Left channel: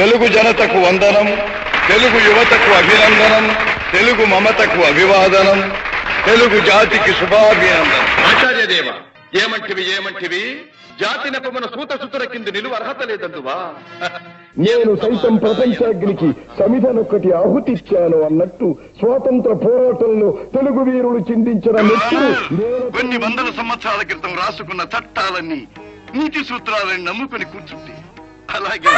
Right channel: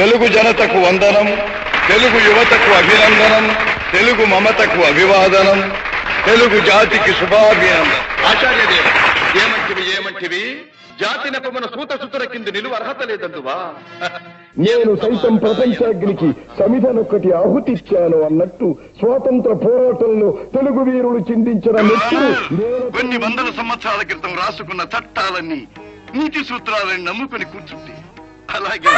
తెలుగు జనతకు వందనం, తెలుగు యువతకు అభినందనం, తెలుగు మమతకు అభివాదనం, తెలుగు జాతికి శుభాభినందనం. ఆచార్యదేవ, ఏమంటివి జాతి నెపమున సూత సుతుర కింద నిలువ అర్హత లేదందువా? నేను సైతం ప్రపంచాగ్నికి సమిధనొక్కటి ఆహుతిచ్చాను అన్నట్టు స్వాతంత్ర పోరాటంలో తెలుగు వీరులు చిందించిన మెచ్చులు కొన్ని వందల సంవత్సరాల క్రితం రాసుకున్న చట్టాలన్నీ నీతి సూత్రాలని నమ్ముకుని కూర్చుంటే అలాగే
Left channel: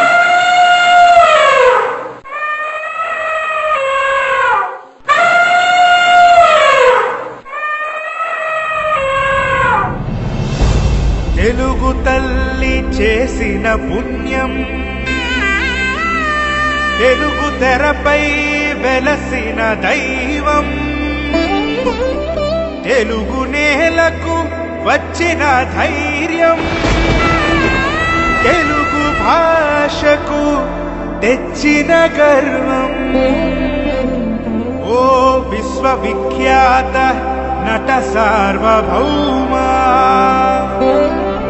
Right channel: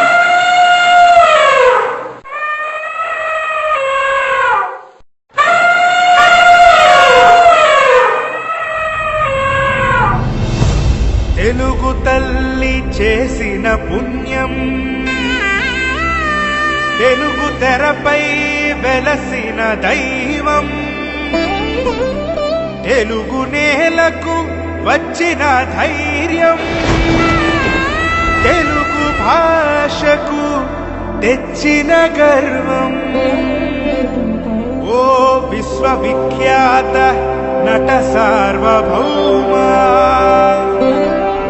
తెలుగు తల్లి చేసిన పుణ్యం, తెలుగు తెరపై వెలసిన దైవం, తెలుగు నేలకు వచ్చిన ధైర్యం, తెలుగు భాషకు తెచ్చిన గర్వం. ఓ విశ్వవిఖ్యాత నట సార్వభౌమా,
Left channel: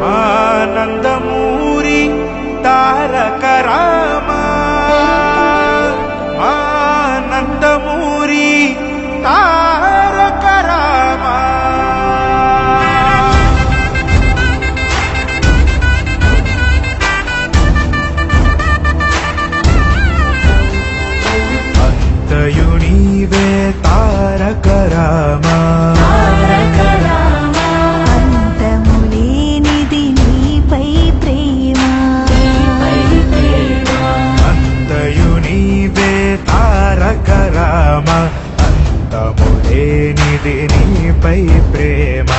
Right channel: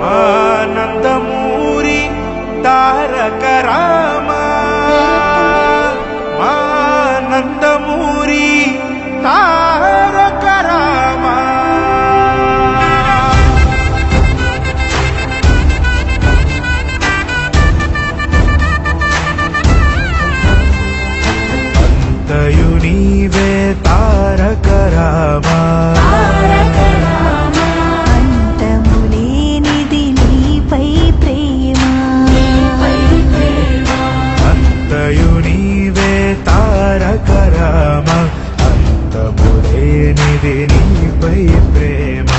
మా నందమూరి తారక రామా, మా నందమూరి తారక రామా. అంతయు నీవే తారక రామా, అంతములేనిది నీపై ప్రేమ, అంతయు నీవే తారక రామా, అంతములేనిది నీపై ప్రేమ.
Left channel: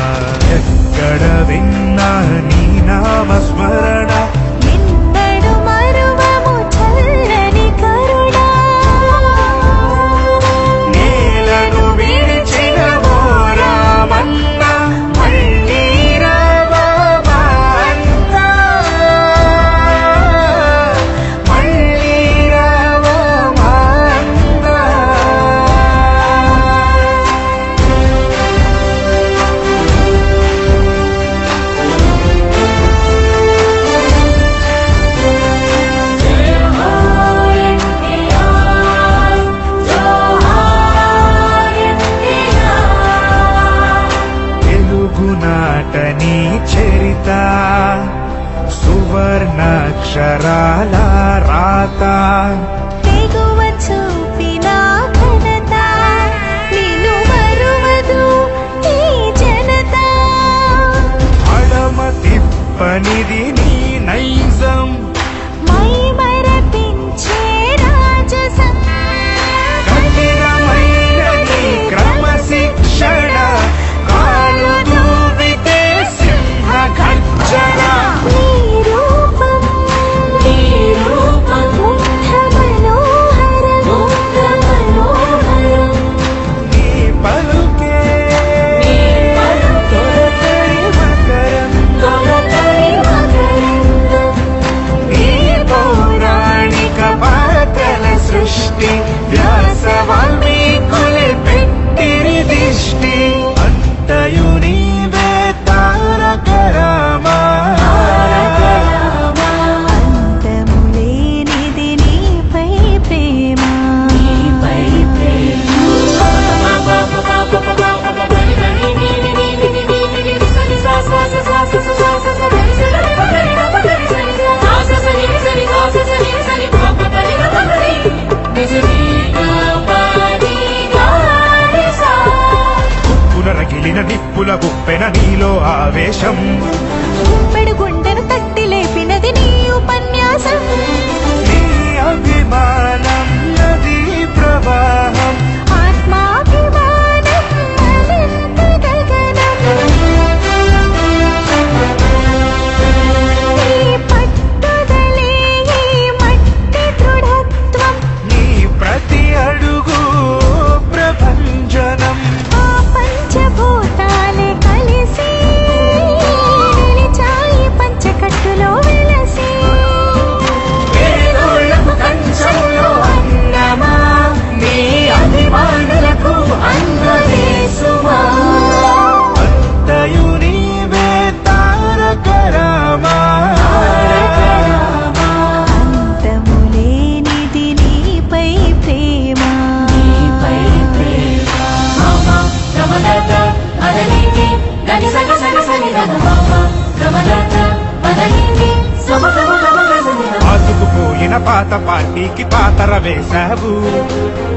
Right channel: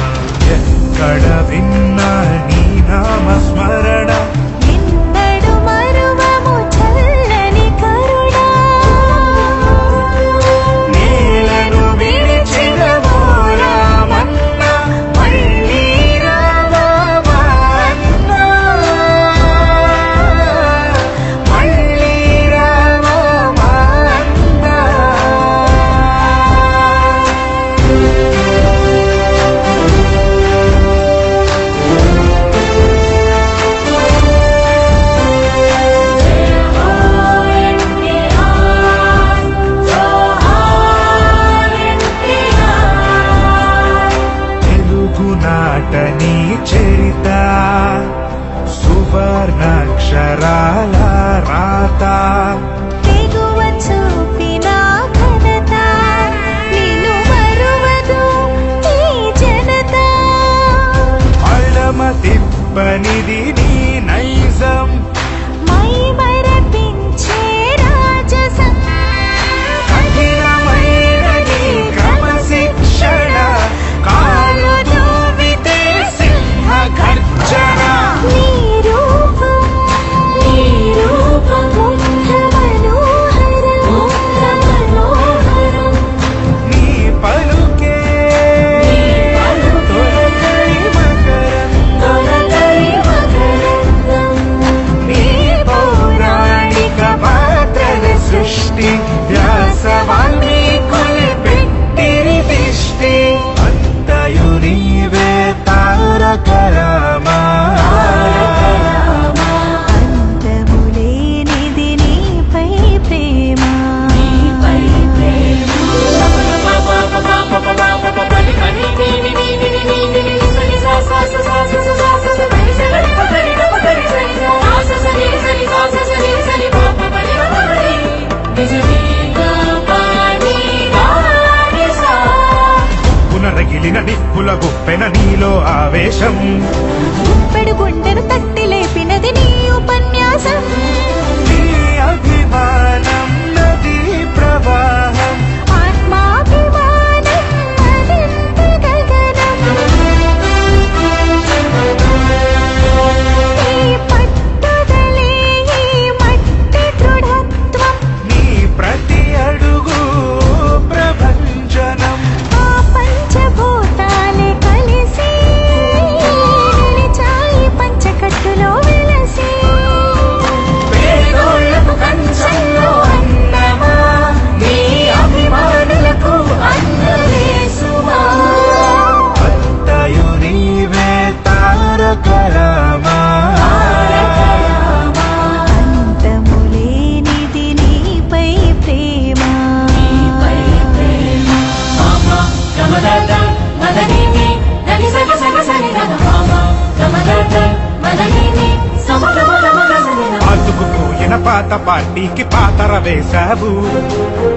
ఎక్కడ విన్నా నీ నామస్మరణ, ఎన్నడు మరువము చల్లని కరుణ, నేలను విడిచిన ఓ రామన్న, మళ్ళీ రావా మా అన్న, మళ్ళీ రావా మా అన్న. తెలుగు నాటని చేత సువర్ణాక్షరాల రాత, తెగువ చూపిన ఘనత, నిన్ను మరువదు ఈ జనత. పరమ తిప్పనిది నీ నైజం, మై మరపించే రాజసం, కఠినమైన నీ క్రమశిక్షణ, కాలు దువ్వితే సింహ గర్జన. నీ రూపం ముగ్ధ మనోహరం, నీ పలుకే తొలగై మకరందం, నీ పౌరాణిక పాత్రల సృష్టి, వ్యాసవామి కొలిపెట్టిరి దిష్టి. అంతయు నీవే తారక రామా, అంతములేనిది నీపై ప్రేమ. పులనగిలిన దిక్కుల కుప్పెన నీలో ఆవేశం, గుప్పెడు గుండెను తట్టి లేపినది నీ ఉపన్యాసం. నీ అభిమానం నదీ ప్రవాహం, ఆత్మాభిమానం మరింత గగనం, నీ పట్టుదలే ఈ మట్టి దృఢత్వం, నీ ప్రతి అడుగు ప్రభంజనం. ఆ పంచభూతాలే కలిసి నిలిచాయి పంచకట్టులో వెలసి. వేదోళ్లకు కంచెల్లో అన్నమా, నీ అభిమానులకు అన్న పాతుకుపోయిన పాత పార్టీకి పాతన వేశావు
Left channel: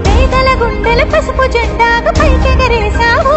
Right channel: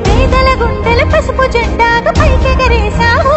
పేదల గుండెల పసుపు జెండాగా పైకెగరేశావు